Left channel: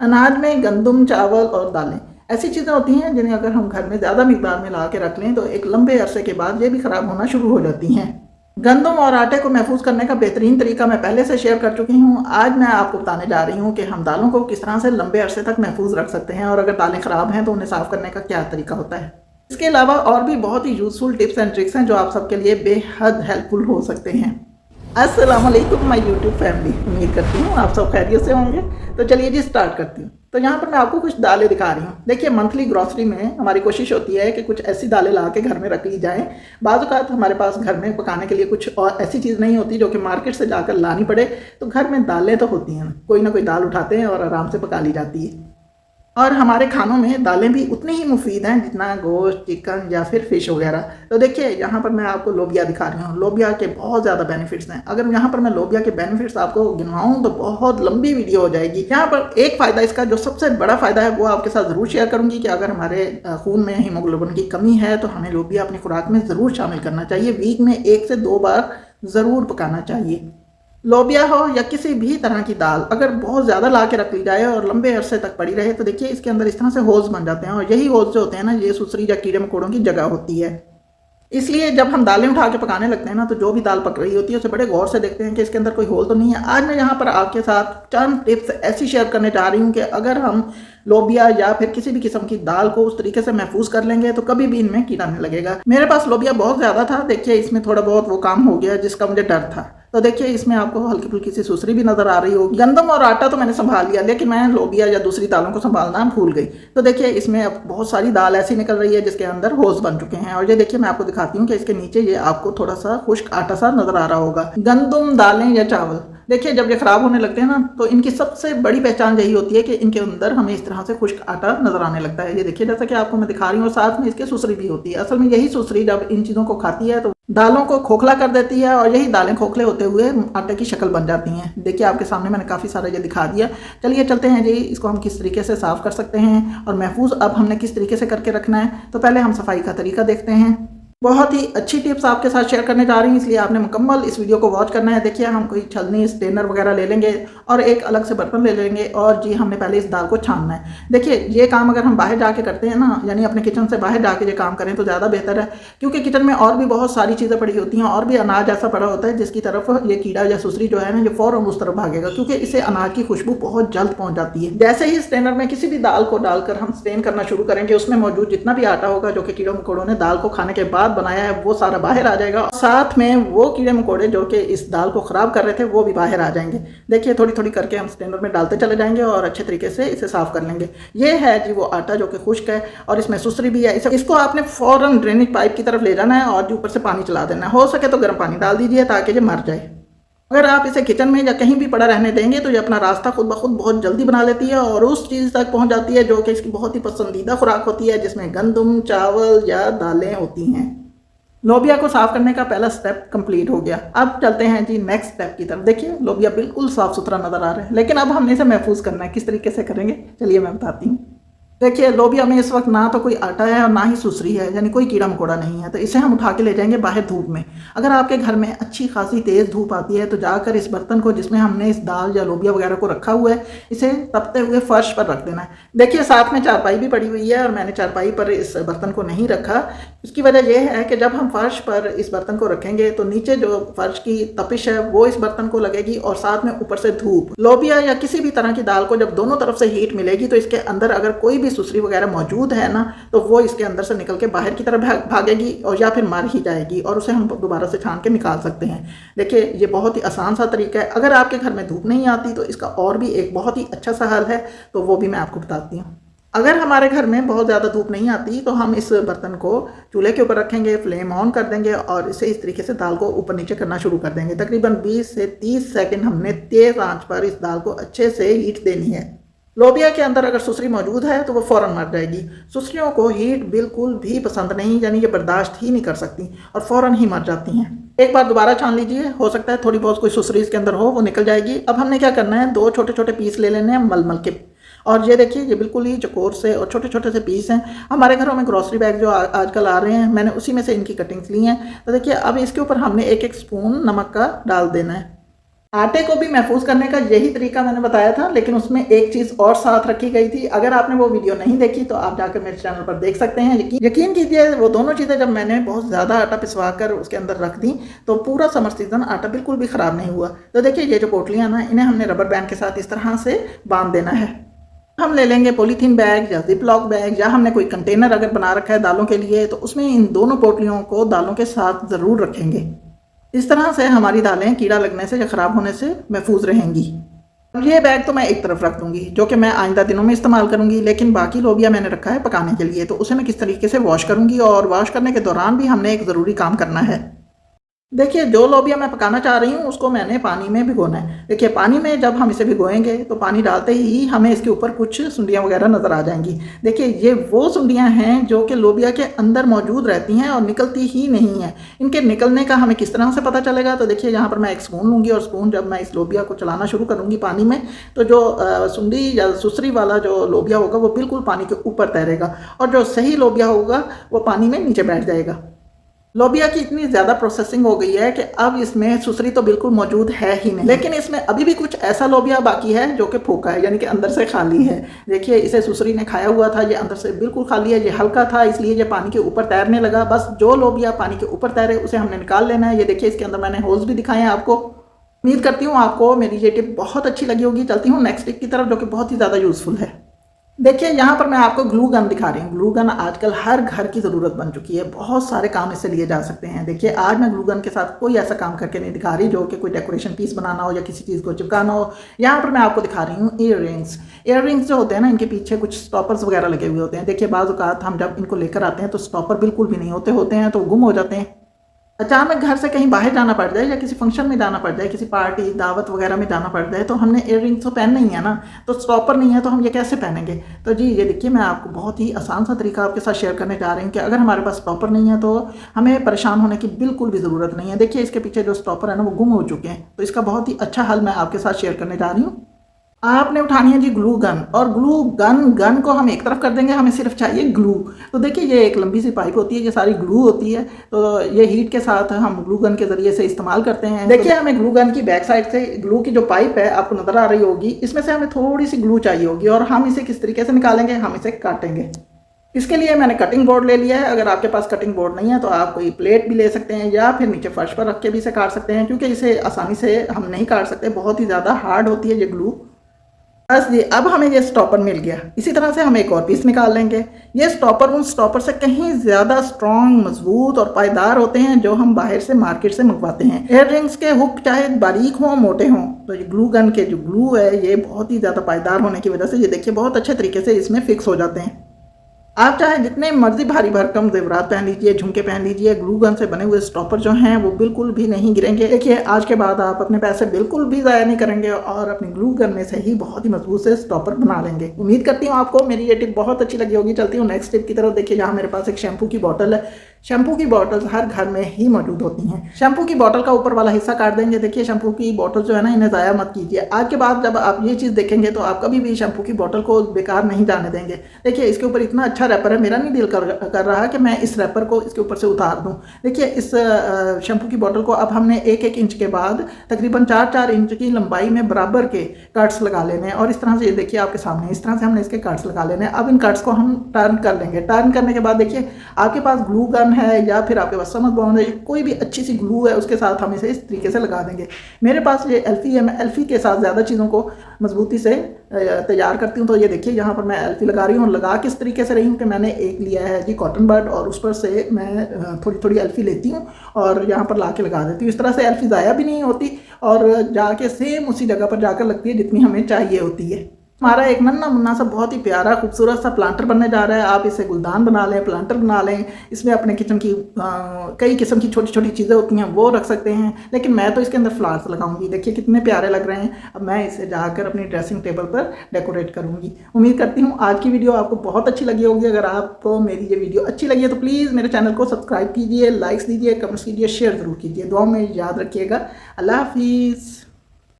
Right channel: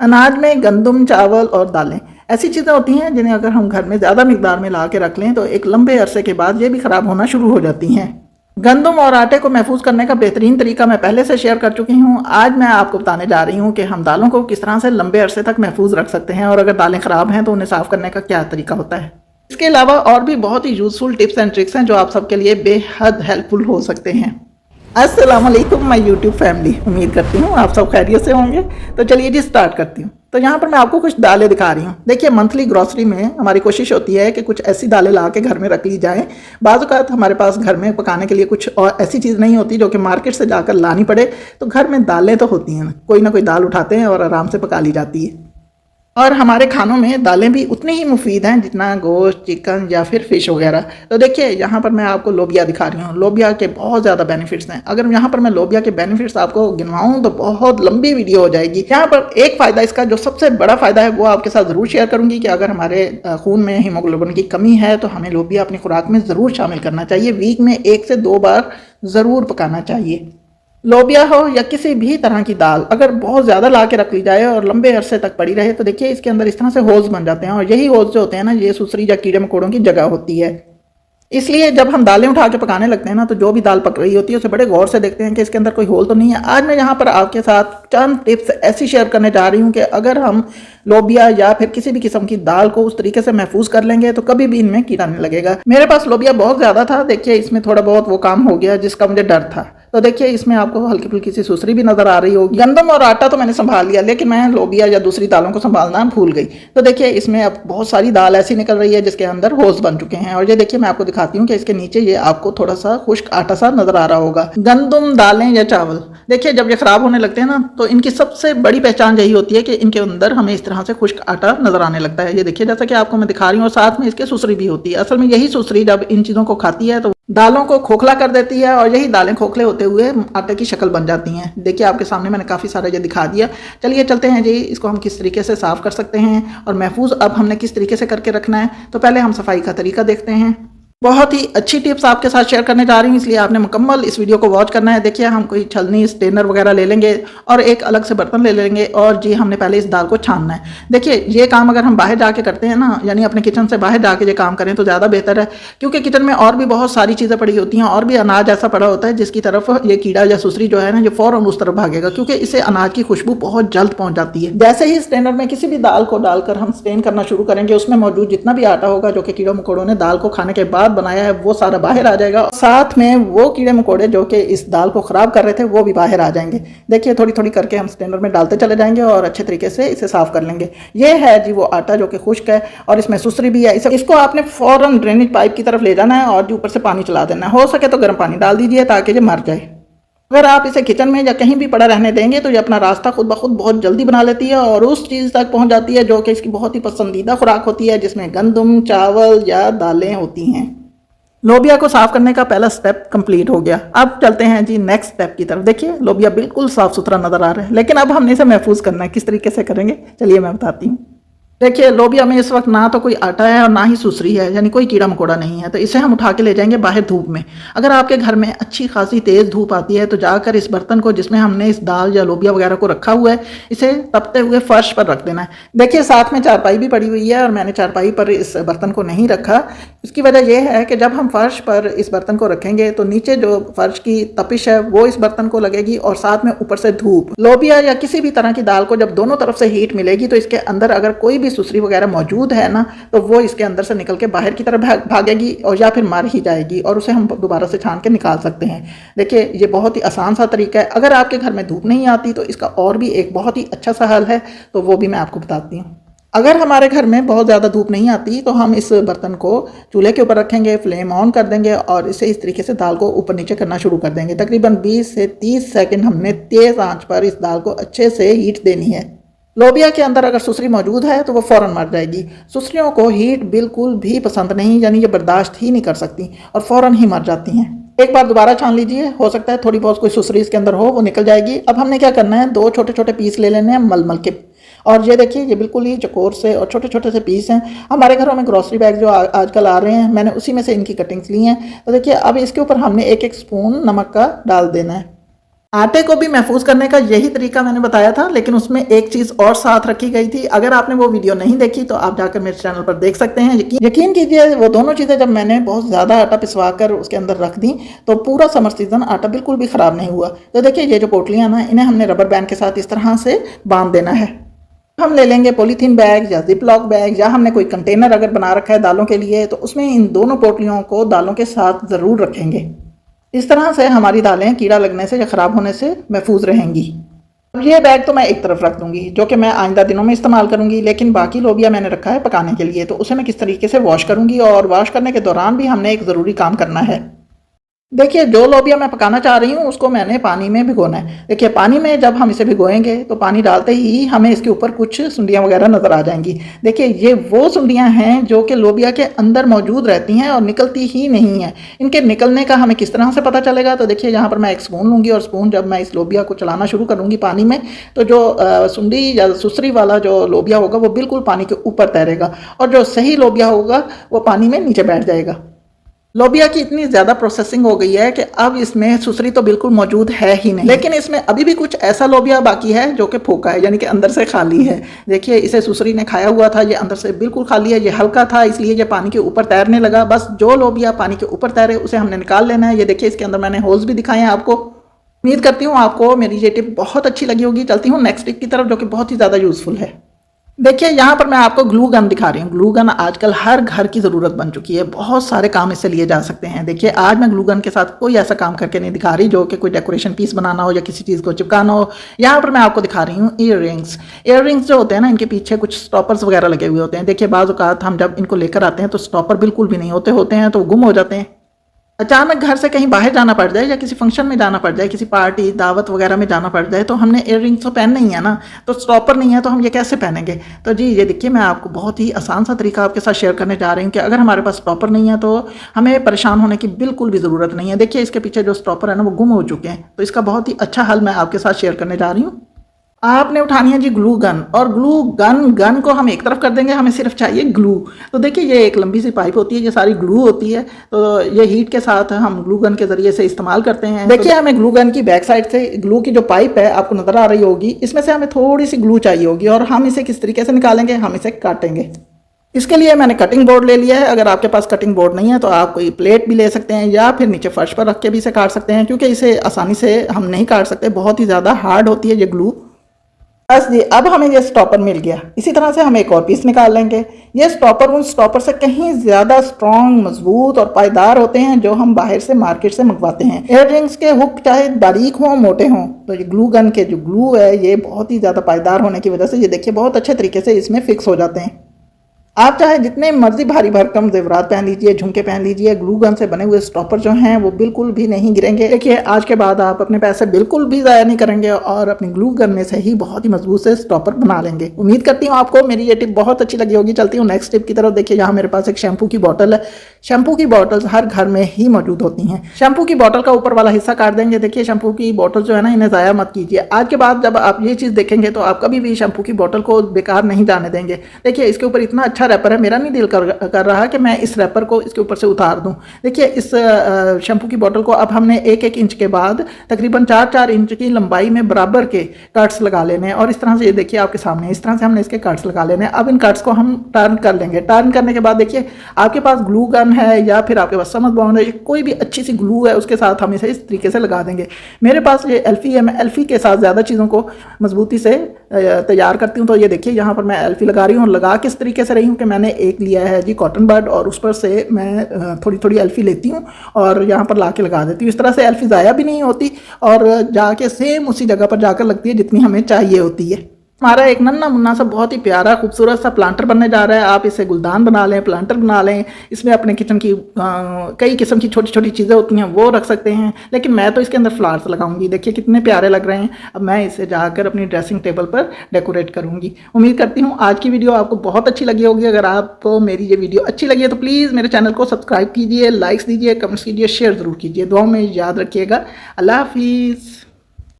अनाज में गंदम, चावल और दालें ऐसी चीज़ें होती हैं जिन्हें अगर हम घर में ज़्यादा मिकदार में ला के रख लें तो एक लंबे अरसे के बाद ये भी ख़राब होना शुरू हो जाती हैं। गंदम और आटे को महफूज करने का बेहतरीन तरीका मैं पहले से शेयर कर चुकी हूँ। आज मैं आपको बताने जा रही हूँ कि हम दालों को किस तरह से लंबे अरसे तक महफूज रख सकते हैं और अगर दालें ख़राब हैं तो उन्हें साफ़ करने का क्या तरीका होता है। इसके अलावा और भी बहुत ही यूज़फुल टिप्स एंड ट्रिक्स हैं जो आप सबके लिए बेहद हेल्पफुल हो सकते हैं। अस्सलाम वालेकुम माय यूट्यूब फैमिली, उम्मीद करती हूँ आप सब खैरियत से होंगे। तो चलिए जी स्टार्ट करती हूँ। तो यहाँ पर मैं आपको कुछ दालें दिखा रही हूँ। देखिए, मंथली ग्रॉसरी में हमारी कोशिश होती है कि कुछ ऐसी दालें ला के घर में रख ली जाएँ। बाज़ औक़ात हमारे पास घर में पकाने के लिए कुछ और ऐसी चीज़ नहीं होती जो कि मार्केट से जाकर लानी पड़े, तो घर में दालें तो होती हैं, कोई ना कोई दाल उठाते हैं और आराम से पका ली जाती है। और हमारे खानों में दालें भी उतनी ही मुफीद हैं जितना गोश्त, चिकन या फिर फ़िश वगैरह। तो देखिए, यहाँ पर मैं आपको लोबिया दिखा रही हूँ। लोबिया के बहुत ज़्यादा बेनिफिट्स हैं। अगर यहाँ पर मैं लोबिया के बेनिफिट्स आपको गिनवाऊँ तो बहुत लंबी वीडियो हो जाएगी। यहाँ पर एक फ़ायदा इसका जो सबसे बड़ा फ़ायदा है वो आपके साथ ज़रूर शेयर करूँगी कि अगर हमारे खून में हीमोग्लोबिन की कमी है तो हमें लोबिया अपनी खुराक में ज़रूर शामिल करना चाहिए। वीक में 1 से 2 बार ज़रूर पकाना चाहिए। लोबिया हो या किसी भी तरह की दाल अगर बहुत ज़्यादा ला के रख ली जाए और लंबे अरसे तक पड़ी रहे तो देखिए इसके अंदर इस तरह से होल्स बन जाते हैं और यही होल्स जो होते हैं ना, ये सुसरी या कीड़े मकोड़ों की जगह होती है। इसलिए जब हम दालें उठा के पकाने लगते हैं ना, तो जो भी दाल पक रही होती है उसे बड़े गौर से देखते हैं कि इसके अंदर कोई होल तो नहीं है। आज मैं यहाँ पर आपके साथ चंद टिप्स ऐसी शेयर करने जा रही हूँ कि अगर हम लोबिया या फिर किसी भी किस्म की दाल को उस तरीके से महफूज कर लेंगे तो कभी भी इनमें कीड़ा नहीं लगेगा। मेरे पास लोबिया बहुत ज़्यादा था, देखिए इसमें थोड़ा बहुत वो काम हो गया जिसका मुझे डर था। तो देखिए इसमें आपको हल्की फुल्की सी सुसरी भी नजर आ रही होगी। गंदम और आटा तो मैंने संभाल लिया, लेकिन मैं लोबिया या दूसरी दालों को संभालना भूल गई। तो देखिए इसमें अब बहुत सारी दाल ऐसी निकल रही है जिसके अंदर होल्स बन चुके हैं। और ये देखिए मैं आपको दिखाती हूँ कि इसके नीचे ये आपको थोड़ा सा खुश्क आटा सा नजर आ रहा होगा। गंदम, दालें या चावल, देखिए जब ये खराब होने लगते हैं ना तो इनकी सबसे बड़ी पहचान यही होती है कि इनके अंदर हमें इस तरह से खुश्क आटा नजर आने लगता है। ये देखिए जैसा कि आपको मैं दिखा रही हूँ, और साथ में इसके सुसरी भी होती है। असल में यही सुसरी जब इन चीज़ों को खाती है तो दालों को खोखला कर देती है और यही दालें खोखले होते हुए आटे की शक्ल बन जाती हैं। देखिए आपके सामने मैंने काफ़ी सारा ये दिखा दिया। चलिए चलते हैं जी, इसको हम किस तरीके से साफ़ कर सकते हैं और महफूज अब हमने किस तरीके से करके रखना है। तो पहले हम सफाई का तरीका देखते हैं। बहुत ही अच्छी टिप्स आपके साथ शेयर करने जा रही हूँ, इसलिए आपने मुकम्मल इस वीडियो को वॉच करना है। देखिए हम कोई छलनी, स्ट्रेनर वगैरह ले लेंगे और एक अलग से बर्तन ले लेंगे और जी हमने पहले इस दाल को छानना है। देखिए ये काम अगर हम बाहर जाके करते हैं ना, यानी अपने किचन से बाहर जाके ये काम करें तो ज़्यादा बेहतर है, क्योंकि किचन में और भी बहुत सारी चीज़ें पड़ी होती हैं और भी अनाज ऐसा पड़ा होता है जिसकी तरफ ये कीड़ा या सुसरी जो है ना, ये फ़ौरन उस तरफ भागेगा, क्योंकि इससे अनाज की खुशबू बहुत जल्द पहुँच जाती है। जैसे ही स्ट्रेनर में किसी भी दाल को डालकर हम स्ट्रेन करना शुरू करेंगे, उसमें मौजूद जितना भी आटा होगा जो कि कीड़ों मकोड़ों ने दाल को खाने के बाद बनाया है वो बाहर आ जाएगा। साथ में वो कीड़े मकोड़े जो कि इस दाल को खराब कर रहे थे वो भी बाहर आ जाएंगे। देखिए थोड़ी थोड़ी करके हम स्ट्रेनर में डालते चले जाएंगे और अच्छे तरीके से इसे साफ कर लेंगे। ये है जी वो आटा जो कि खुश्क है और इसमें सुसरी भी है। इसको आपने फौरन ड्रेनेज पाइप की तरफ ले जाना है और ऊपर से पानी चला देना है। हो सके तो गर्म पानी डाल दीजिए ताकि ये मर जाए। अगर आप इसे किचन में या कहीं भी पड़ा रहने देंगे तो ये अपना रास्ता खुद ब खुद बहुत जल्दी बना लेती है और उस चीज़ तक पहुंच जाती है जो कि इसकी बहुत ही पसंदीदा खुराक होती है, जिसमें गंदम, चावल या दालें होती हैं। लोबिया को साफ करने का पहला स्टेप कंप्लीट हो गया। अब चलते हैं जी नेक्स्ट स्टेप की तरफ। देखिए लोबिया बिल्कुल साफ सुथरा नजर आ रहा है, लेकिन अब हमने इसे महफूज करना है। किस तरीके से करेंगे चलिए मैं बताती हूँ। देखिए लोबिया में इस वक्त ना तो कोई आटा है और ना ही सुसरी है, यानी कोई कीड़ा मकोड़ा नहीं है। तो इसे हम उठा के ले जाएंगे बाहर धूप में। अगर आपके घर में अच्छी खासी तेज़ धूप आती है तो जाकर इस बर्तन को जिसमें हमने इस दाल या लोबिया वगैरह को रखा हुआ है, इसे तपते हुए फर्श पर रख देना है। देखिए साथ में चारपाई भी पड़ी हुई है और मैंने चारपाई पर इस बर्तन को नहीं रखा। इसकी वजह यह है कि जब हम फर्श पर इस बर्तन को रखेंगे तो नीचे जो फर्श की तपिश है वो इस बर्तन को लगेगी और साथ में ऊपर से धूप। लोबिया या किसी भी तरह की दाल को जब दोनों तरफ से हीट मिलेगी तो इसके अंदर अगर कोई भी सुसरी वगैरह मौजूद है ना, तो वो इसके अंदर से निकल के बाहर की तरफ भागेगी और या फिर मर ही जाएगी और उसे हम दोबारा से छान के निकाल सकते हैं। देखिए ये बहुत ही आसान सा तरीका है। अगर आपके घर में धूप नहीं आती तो इसका और भी एक बहुत ही अच्छा सा हल है, तो वो भी मैं आपको बताती हूँ। अगर हमारे घर में बहुत ज़्यादा धूप नहीं आती तो हम इस बर्तन को चूल्हे के ऊपर रखेंगे, फ्लेम ऑन कर देंगे और इसे इस तरीके से दाल को ऊपर नीचे करना शुरू कर देंगे। तकरीबन 20 से 30 सेकंड हमने तेज़ आंच पर इस दाल को अच्छे से हीट देनी है। लोबिया के अंदर अगर सुसरी मौजूद है तो वो फ़ौरन मर जाएगी। सुसरियों को हीट बिल्कुल भी पसंद नहीं, यानी ये बर्दाश्त ही नहीं कर सकती और फ़ौरन ही मर जाती हैं। एक बार दोबारा छान लीजिए, हो सकता है थोड़ी बहुत कोई सुसरी इसके अंदर हो, वो निकल जाएगी। अब हमने क्या करना है, 2 छोटे छोटे पीस ले लेने हैं मलमल के। और ये देखिए ये बिल्कुल ही चकोर से और छोटे छोटे से पीस हैं। हमारे घरों में ग्रॉसरी बैग जो आजकल आ रहे हैं, मैंने उसी में से इनकी कटिंग्स ली हैं। तो देखिए अब इसके ऊपर हमने 1-1 स्पून नमक का डाल देना है। आटे को भी महफूज करने का यही तरीका मैंने बताया था, लेकिन उसमें एक चीज़ और साथ रखी गई थी। अगर आपने वो वीडियो नहीं देखी तो आप जाकर मेरे चैनल पर देख सकते हैं। यकीन कीजिए, वो दोनों चीज़ें जब मैंने बहुत ज़्यादा आटा पिसवा कर उसके अंदर रख दी तो पूरा समर सीजन आटा बिल्कुल भी ख़राब नहीं हुआ। तो देखिए, ये जो पोटलियाँ ना, इन्हें हमने रबर बैंड के साथ इस तरह से बांध देना है। हम ले लेंगे पॉलीथीन बैग या जिप लॉक बैग, या हमने कोई कंटेनर अगर बना रखा है दालों के लिए, तो उसमें इन दोनों पोटलियों को दालों के साथ ज़रूर रखेंगे। इस तरह से हमारी दालें कीड़ा लगने से या ख़राब होने से महफूज रहेंगी। अब ये बैग तो मैं एक तरफ रख दूंगी, जो कि मैं आइंदा दिनों में इस्तेमाल करूंगी, लेकिन बाकी लोबिया मैंने रखा है पकाने के लिए, तो उसे मैं किस तरीके से वॉश करूंगी, और वॉश करने के दौरान भी हमने एक ज़रूरी काम करना है। देखिए, जो लोबिया मैं पकाना चाह रही हूँ उसको मैंने पानी में भिगोना है। देखिए, पानी में जब हम इसे भिगोएंगे तो पानी डालते ही हमें इसके ऊपर कुछ सुंडियाँ वगैरह नज़र आ जाएंगी। देखिए, ये वो सुंडियाँ हैं जो कि लोबिया के अंदर मौजूद रहती हैं और निकलती ही नहीं हैं। इनके निकलने का हमें किस तरह से पता चलेगा? तो देखिए, यहाँ पर मैं एक स्पून लूँगी, और स्पून जब मैं इस लोबिया को चलाना शुरू करूँगी पानी में, तो जो सुंडी या सुसरी वाला जो लोबिया होगा वो बिल्कुल पानी के ऊपर तैरेगा, और जो सही लोबिया होगा वो पानी में नीचे बैठ जाएगा। लोबिया की इतनी ज़्यादा प्रोसेसिंग हो गई है कि अब इसमें सुसरी तो बिल्कुल मौजूद है ही नहीं, लेकिन इसमें अभी भी कुछ ऐसा लोबिया बाकी है जो कि फोका है, यानी कि अंदर से खाली है। देखिए, इसे सुसरी ने खाया हुआ था, ये अंदर से बिल्कुल खाली है। ये हल्का था, इसलिए ये पानी के ऊपर तैरने लगा। बस जो लोबिया पानी के ऊपर तैरे उसे हमने निकाल लेना है। ये देखिए, इसके अंदर मैंने होल्स भी दिखाए हैं आपको। उम्मीद करती हूँ आपको मेरी ये टिप बहुत अच्छी लगी होगी। चलती हूँ नेक्स्ट टिप की तरफ, जो कि बहुत ही ज़्यादा यूज़फुल है। देखिए, यहाँ पर मैं आपको ग्लू गन दिखा रही हूँ। ग्लू गन आजकल हर घर की ज़रूरत बन चुकी है, बहुत सारे काम इससे लिए जा सकते हैं। देखिए, आज मैं ग्लू गन के साथ कोई ऐसा काम करके नहीं दिखा रही जो कि कोई डेकोरेशन पीस बनाना हो या किसी चीज़ को चिपकाना हो। यहाँ पर मैं आपको दिखा रही हूँ ईयर रिंग्स। ईयर रिंग्स जो होते हैं ना, इनके पीछे कुछ स्टॉपर्स वगैरह लगे हुए होते हैं। देखिए, बाज़ औक़ात हम जब इनको लेकर आते हैं तो स्टॉपर बिल्कुल भी नहीं होते हैं, तो गुम हो जाते हैं। अचानक घर से कहीं बाहर जाना पड़ जाए या किसी फंक्शन में जाना पड़ जाए, किसी पार्टी दावत वगैरह में जाना पड़ जाए, तो हमने ईयर रिंग्स तो पहनना ही है ना, तो स्टॉपर नहीं है तो हम ये कैसे पहनेंगे? तो जी, ये देखिए, मैं आपको बहुत ही आसान सा तरीका आपके साथ शेयर करने जा रही हूँ कि अगर हमारे पास स्टॉपर नहीं है तो हमें परेशान होने की बिल्कुल भी ज़रूरत नहीं है। देखिए, इसके पीछे जो स्टॉपर है ना वो गुम हो चुके हैं, तो इसका बहुत ही अच्छा हल मैं आपके साथ शेयर करने जा रही हूँ। आपने उठानी है जी ग्लू गन, और ग्लू गन को हम एक तरफ कर देंगे, हमें सिर्फ चाहिए ग्लू। तो देखिए, ये एक लंबी सी पाइप होती है, ये सारी ग्लू होती है, तो ये हीट के साथ हम ग्लू गन के ज़रिए से इस्तेमाल करते हैं। देखिए, हमें ग्लू गन की बैक साइड से ग्लू की जो पाइप है आपको नज़र आ रही होगी, इसमें से हमें थोड़ी सी ग्लू चाहिए होगी, और हम इसे किस तरीके से निकालेंगे? हम इसे काटेंगे। इसके लिए मैंने कटिंग बोर्ड ले लिया है। अगर आपके पास कटिंग बोर्ड नहीं है तो आप कोई प्लेट भी ले सकते हैं, या फिर नीचे फर्श पर रख के भी इसे काट सकते हैं, क्योंकि इसे आसानी से हम नहीं काट सकते, बहुत ही ज़्यादा हार्ड होती है ये ग्लू। बस जी, अब हमें ये स्टॉपर मिल गया। इसी तरह से हम एक और पीस निकाल लेंगे। ये स्टॉपर उन स्टॉपर से कहीं ज़्यादा स्ट्रॉन्ग, मजबूत और पायदार होते हैं जो हम बाहर से मार्केट से मंगवाते हैं। ईयर रिंग्स के हुक चाहे बारीक हों मोटे हों, तो ये ग्लू गन के जो ग्लू है ये बहुत ही ज़्यादा पायदार होने की वजह से ये देखिए बहुत अच्छे तरीके से इसमें फिक्स हो जाते हैं। आप चाहे जितने मर्जी भारी भरकम जेवरात पहन लीजिए, झुमके पहन लीजिए, ग्लू गन से बने हुए स्टॉपर जो हैं वो बिल्कुल भी नहीं गिरेंगे। देखिए, आज के बाद आप अपने पैसे बिल्कुल भी ज़ाया नहीं करेंगे और अपनी ग्लू गन में से ही बहुत ही मजबूत से स्टॉपर बना लेंगे। उम्मीद करती हूँ आपको मेरी ये टिप बहुत अच्छी लगी होगी। चलती हूँ नेक्स्ट टिप की तरफ। देखिए, यहाँ मेरे पास एक शैम्पू की बॉटल है। शैम्पू की बॉटल्स हर घर में ही मौजूद होती हैं। शैम्पू की बॉटल का ऊपर वाला हिस्सा काट देंगे। देखिए, शैम्पू की बॉटल जो है ना, इन्हें ज़ाया मत कीजिए। आज के बाद जब आप ये चीज़ देखेंगे तो आप कभी भी शैम्पू की बॉटल को बेकार नहीं जाने देंगे। देखिए, इसके ऊपर इतना अच्छा रैपर है, मेरा नहीं दिल कर रहा कि मैं इस रैपर को इसके ऊपर से उतार दूं। देखिए, इस शैम्पू की बोतल को अब हमने 1-1 इंच के बाद तकरीबन 4-4 इंच की लंबाई में बराबर के कट्स लगा लेने हैं, और इस तरह से ये देखिए आपके सामने इस तरह से हमने इसके कट्स लगा लेने हैं। अब इन कट्स को हम टर्न कर लेंगे। टर्न करने के बाद देखिए, आपके पास ग्लू गन है या फिर आपके पास समझ बॉन्ड है, कोई भी अच्छी सी ग्लू है, उसके साथ हम इसे इस तरीके से लगा देंगे। मेरे पास ये एल्फी है, मैं एल्फी के साथ ज़्यादा चीज़ों को मजबूती से तैयार करती हूँ। तो ये देखिए, यहाँ पर मैं एल्फी लगा रही हूँ, और लगा किस तरीके से रही हूँ कि मैंने एक लिया है जी कॉटन बड, और उस पर से मैं थोड़ी थोड़ी एल्फी लेती हूँ और यहाँ पर ला के लगा देती हूँ। इस तरह से एल्फी ज़ाया भी नहीं होती और जाके सेम उसी जगह पर जाकर लगती है जितनी हमें चाहिए होती है। हमारा एक नन्ना मुन्ना सा बहुत ही प्यारा खूबसूरत सा प्लांटर बनने जा रहा है। आप इसे गुलदान बना लें, प्लांटर बना लें। इसमें अपने किचन की कई किस्म की छोटी छोटी चीज़ें होती हैं वो रख सकते हैं, लेकिन मैं तो इसके अंदर फ्लावर्स लगाऊंगी। देखिए कितने प्यारे लग रहे हैं। अब मैं इसे जाकर अपनी ड्रेसिंग टेबल पर डेकोरेट करूंगी। उम्मीद करती हूँ आज की वीडियो आपको बहुत अच्छी लगी होगी। अगर आपको मेरी ये वीडियो अच्छी लगी है तो प्लीज़ मेरे चैनल को सब्सक्राइब कीजिए, लाइक्स दीजिए, कमेंट्स कीजिए, शेयर ज़रूर कीजिए। दुआ में याद रखिएगा। अल्लाह हाफिज़।